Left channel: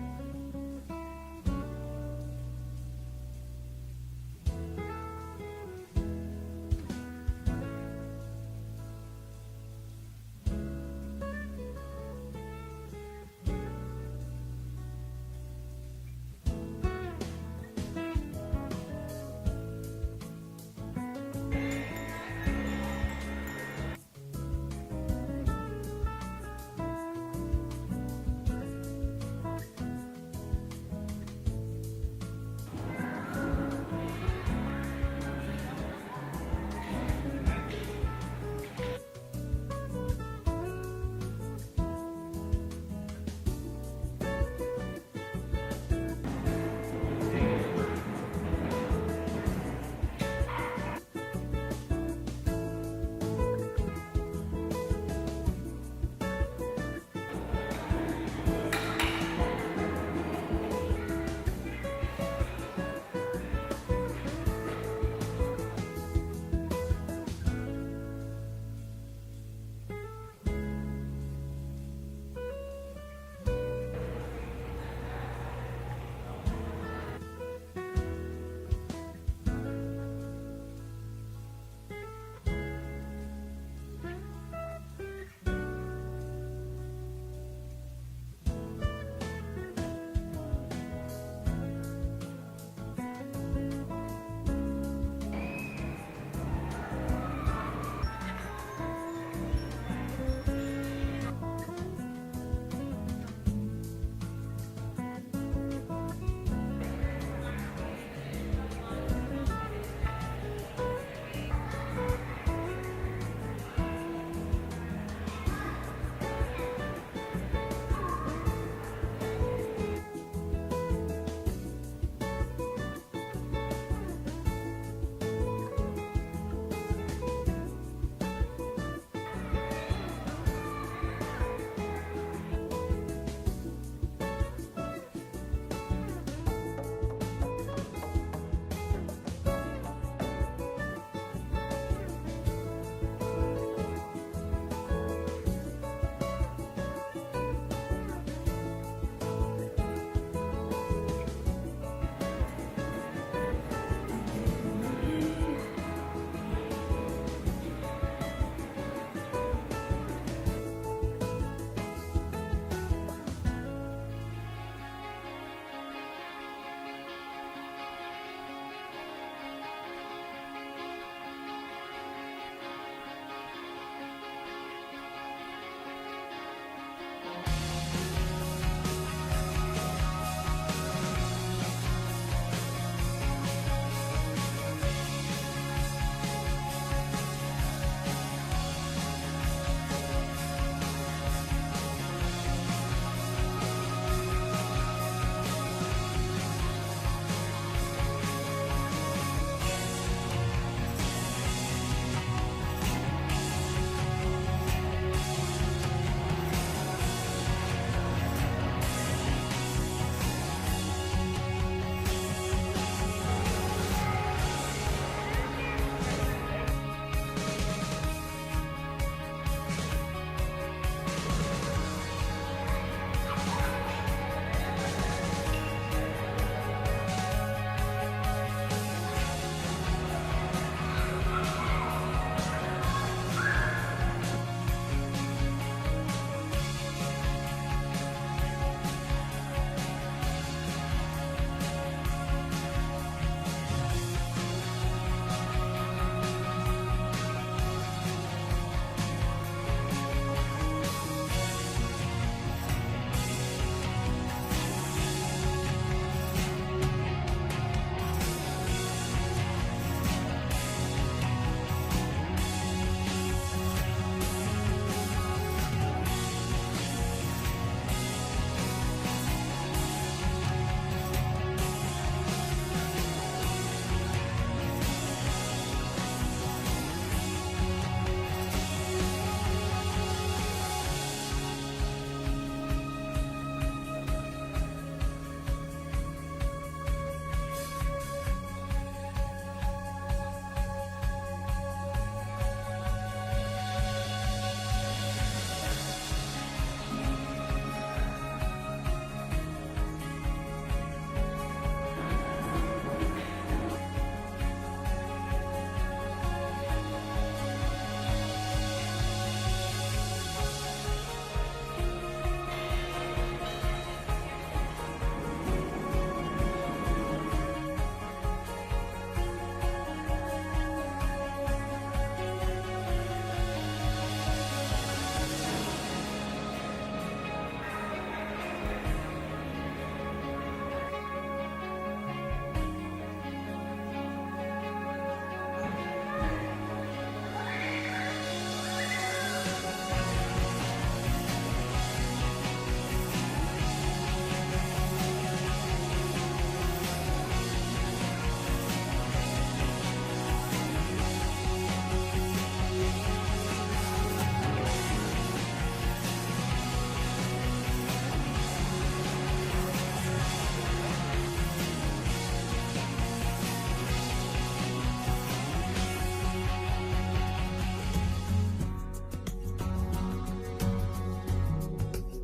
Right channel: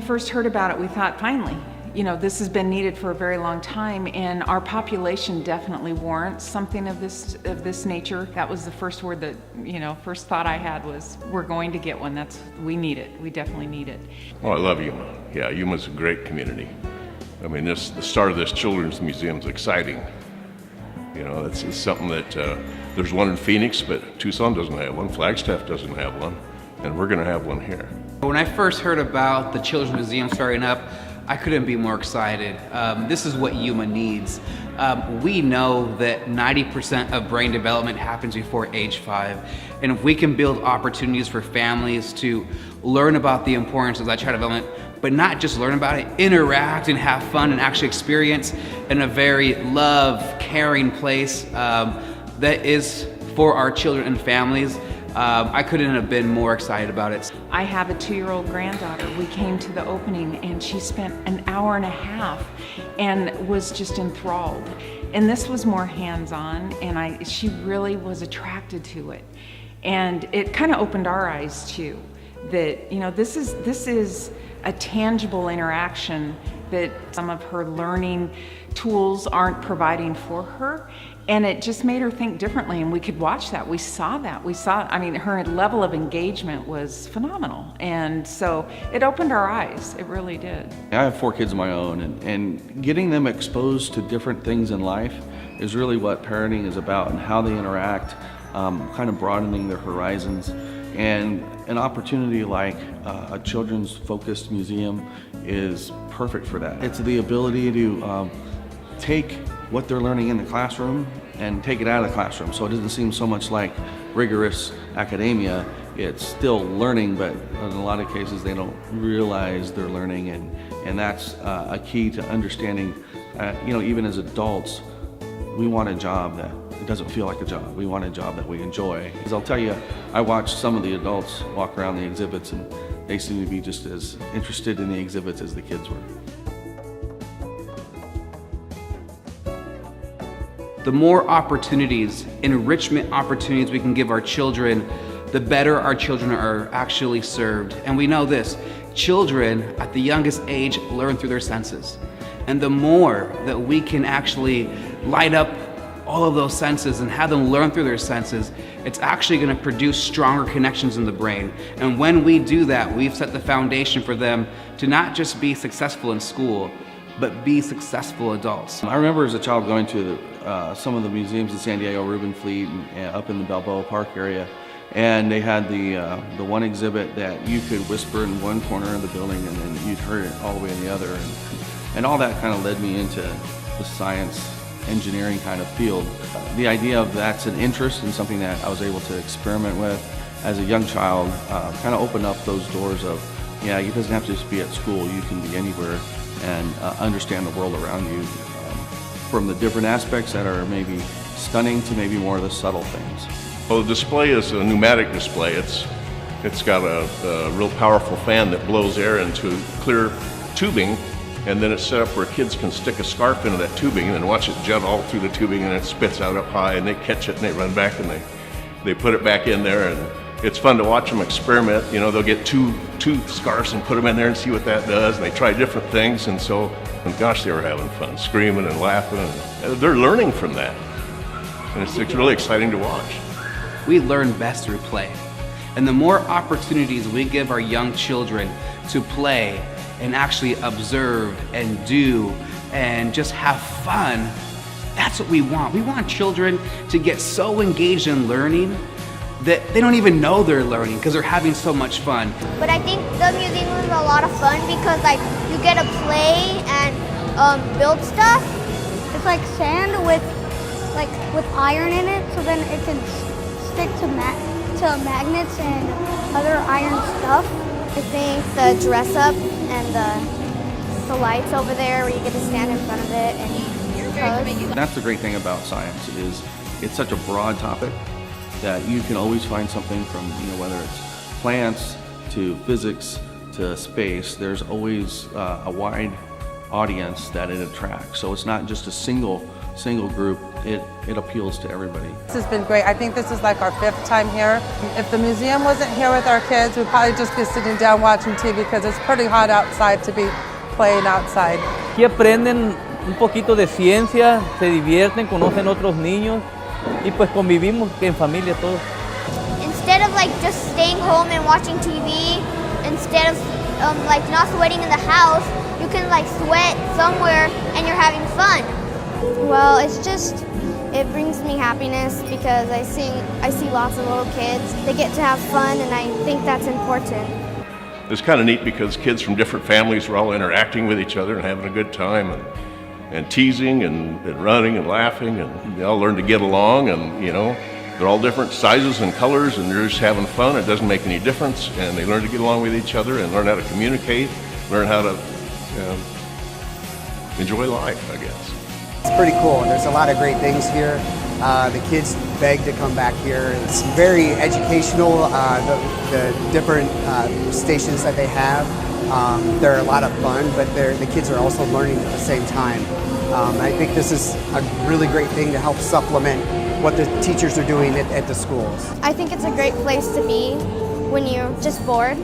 we first heard about it, we thought, finally, this has been needed for a very long time, and our population definitely warrants something of this nature. That was the first word that, first thought I had was, we're going to get one. We need it. We definitely need it. Oh, I love Yuma. Yeah, Yuma's a great community. I mean, the start of this children's museum is exciting. It's something that there's one in Phoenix, but Tucson doesn't have one. Flagstaff doesn't have one, and we're going to have one here. When I first heard about the Children's Museum starting up, I couldn't be more excited. This is what Yuma needs. We know that 90% of brain development happens before age 5, and if we can build opportunities for families to learn about the importance of that child development, but not just learn about it, interact and have fun and actually experience in a very caring place that is for our children and families. I couldn't have been more excited about it. I have a 2-year-old granddaughter. We came to the opening and she spent an hour and a half and was just enthralled. And this was more hands-on, and she really was attracted to it. And it kind of opened our eyes too, that this is a tangible interaction that some of her learning tools aren't providing for her. And it just made her think differently, and we could watch that. We saw that. Her level of engagement was phenomenal. And so it opened our eyes. It really did. I have 4 kids of my own, and getting them exposed to different things in life is really what parenting is about, and how they interact, kind of broadening their horizons. And an opportunity like a children's focused museum is perfect for that. It's the ability to take what they're learning in the classroom and take it out of the classroom, so it doesn't seem so much like rigorous academia. It's still learning, but in a lot of cases they don't realize they're learning, and that's a key to understanding. Even as adults, we want a job that doesn't feel like a job. We want a job that we enjoy. Because I'll tell you, I watched some of the adults walk around the exhibits, and they seem to be just as interested in the exhibits as the kids were. The more opportunities, enrichment opportunities we can give our children, the better our children are actually served. And we know this, children at the youngest age learn through their senses. And the more that we can actually light up all of those senses and have them learn through their senses, it's actually going to produce stronger connections in the brain. And when we do that, we've set the foundation for them to not just be successful in school, but be successful adults. I remember as a child going to some of the museums in San Diego, Reuben Fleet, and up in the Balboa Park area, and they had the one exhibit that you could whisper in one corner of the building and then you'd hear it all the way in the other. And all that kind of led me into the science, engineering kind of field. The idea of that's an interest and something that I was able to experiment with as a young child kind of opened up those doors of, it doesn't have to just be at school, you can be anywhere and understand the world around you, from the different aspects that are maybe stunning to maybe more of the subtle things. Well, the display is a pneumatic display. It's got a real powerful fan that blows air into clear tubing, and then it's set up where kids can stick a scarf into that tubing and watch it jet all through the tubing, and it spits out up high, and they catch it and they run back and they put it back in there, and it's fun to watch them experiment. They'll get two scarves and put them in there and see what that does, and they try different things, and gosh, they were having fun, screaming and laughing, and they're learning from that, and it's really exciting to watch. We learn best through play, and the more opportunities we give our young children to play and actually observe and do and just have fun, that's what we want. We want children to get so engaged in learning that they don't even know they're learning because they're having so much fun. But I think the museum was a lot of fun because you get to play and build stuff. It's like sand with iron in it, so then it can stick to magnets and other iron stuff. I think the dress up and the lights over there where you get to stand in front of it and pose. That's the great thing about science, is it's such a broad topic that you can always find something from, whether it's plants to physics to space. There's always a wide audience that it attracts. So it's not just a single single group, it appeals to everybody. This has been great. I think this is like our 5th time here. If the museum wasn't here with our kids, we'd probably just be sitting down watching TV because it's pretty hot outside to be playing outside. Aquí aprenden un poquito de ciencia, se divierten, conocen otros niños y pues convivimos en familia todos. Instead of like just staying home and watching TV, instead of like not sweating in the house, you can like sweat somewhere and you're having fun. Well, it brings me happiness because I see lots of little kids. They get to have fun and I think that's important. It's kind of neat because kids from different families are all interacting with each other and having a good time and teasing and running and laughing, and they all learn to get along, and you know, they're all different sizes and colors and they're just having fun. It doesn't make any difference, and they learn to get along with each other and learn how to communicate, learn how to enjoy life, I guess. It's pretty cool. There's a lot of great things here. The kids beg to come back here. It's very educational, the different stations that they have. They're a lot of fun, but the kids are also learning at the same time. I think this is a really great thing to help supplement what the teachers are doing at the schools. I think it's a great place to be when you're just bored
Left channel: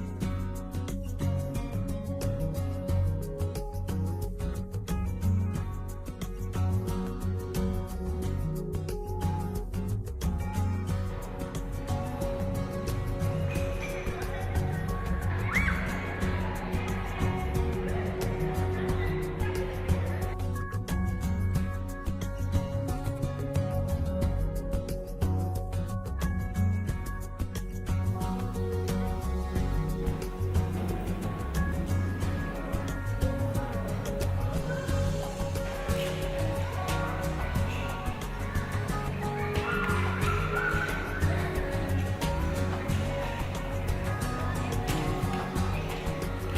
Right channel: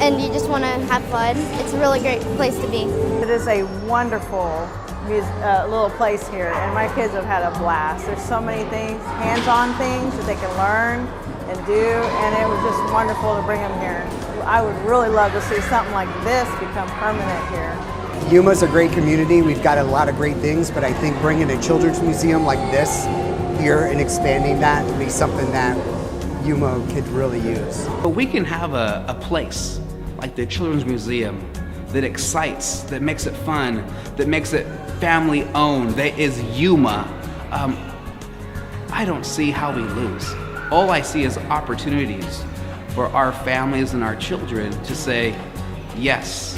and you just want to have fun. It's a really great place to be. It is a wonderful little place here, and my kids have had a blast. There's so many things, hands-on things that they can learn and do, and it was just wonderful to bring them here. I would really love to see something like this become permanent here. Yuma's a great community. We've got a lot of great things, but I think bringing a children's museum like this here and expanding that would be something that Yuma could really use. But we can have a place like the Children's Museum that excites, that makes it fun, that makes it family owned, that is Yuma. I don't see how we lose. All I see is opportunities for our families and our children to say, yes,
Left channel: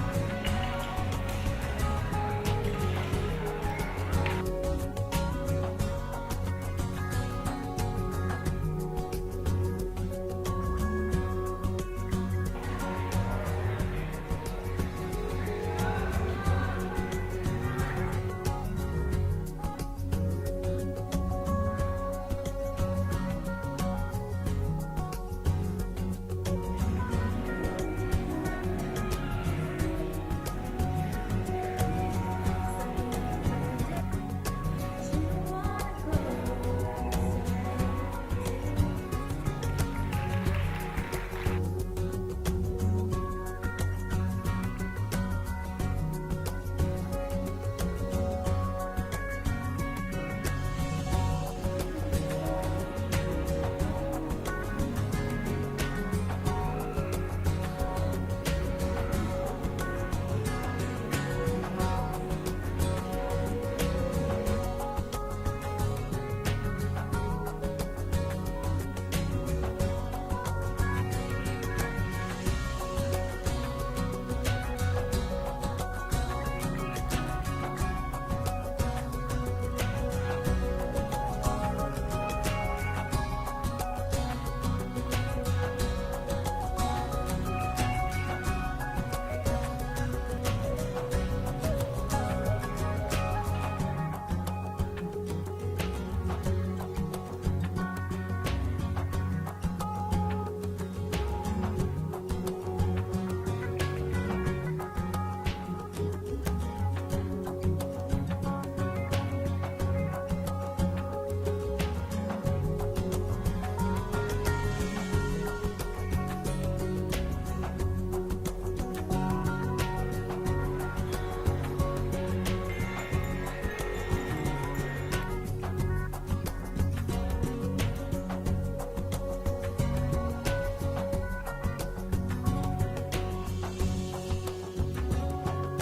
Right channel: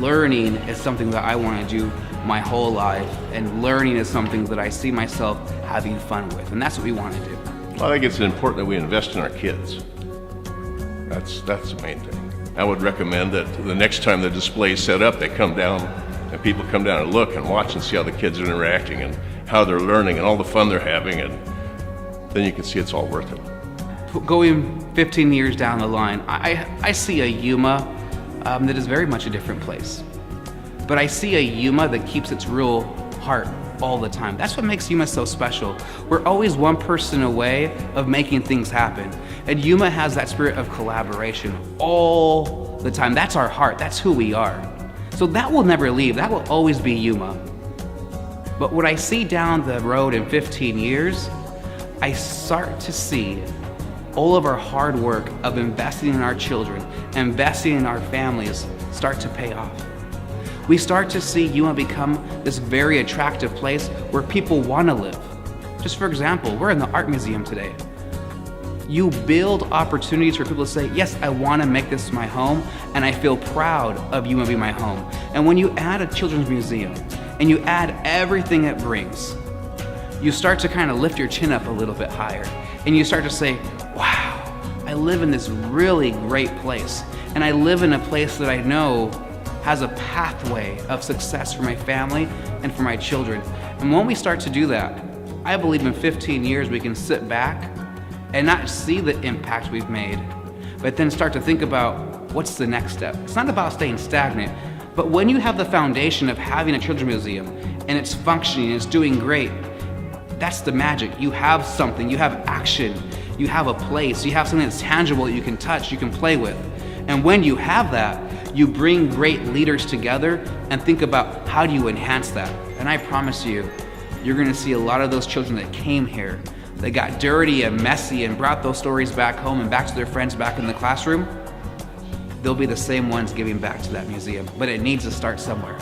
learning is something that I want to do my whole life, and learning is something that I see myself having fun with, and that's what we want to do. I think it's important that we invest in our kids. That's the main thing. I would recommend that the next time the display is set up, they come down and people come down and look and watch and see how the kids are interacting and how they're learning and all the fun they're having, and then you can see it's all worth it. Going 15 years down the line, I see a Yuma that is very much a different place. But I see a Yuma that keeps its real heart all the time. That's what makes Yuma so special. We're always one person away of making things happen. And Yuma has that spirit of collaboration all the time. That's our heart, that's who we are. So that will never leave, that will always be Yuma. But what I see down the road in 15 years, I start to see all of our hard work of investing in our children, investing in our families start to pay off. We start to see Yuma become this very attractive place where people want to live. Just for example, we're in the art museum today. You build opportunities for people to say, yes, I want to make this my home, and I feel proud of Yuma being my home. And when you add a children's museum, and you add everything it brings, you start to kind of lift your chin up a little bit higher, and you start to say, wow, I live in this really great place, and I live in a place that I know has a pathway of success for my family and for my children. And when we start to do that, I believe in 15 years we can sit back and not see the impact we've made, but then start to think about what's the next step. It's not about staying stagnant, but when you have the foundation of having a children's museum and it's functioning, it's doing great, that's the magic. You have something, you have action, you have a place, you have something that's tangible that you can touch, you can play with. And when you have that, you bring great leaders together and think about how do you enhance that. And I promise you, you're gonna see a lot of those children that came here, that got dirty and messy and brought those stories back home and back to their friends back in the classroom. They'll be the same ones giving back to that museum, but it needs to start somewhere.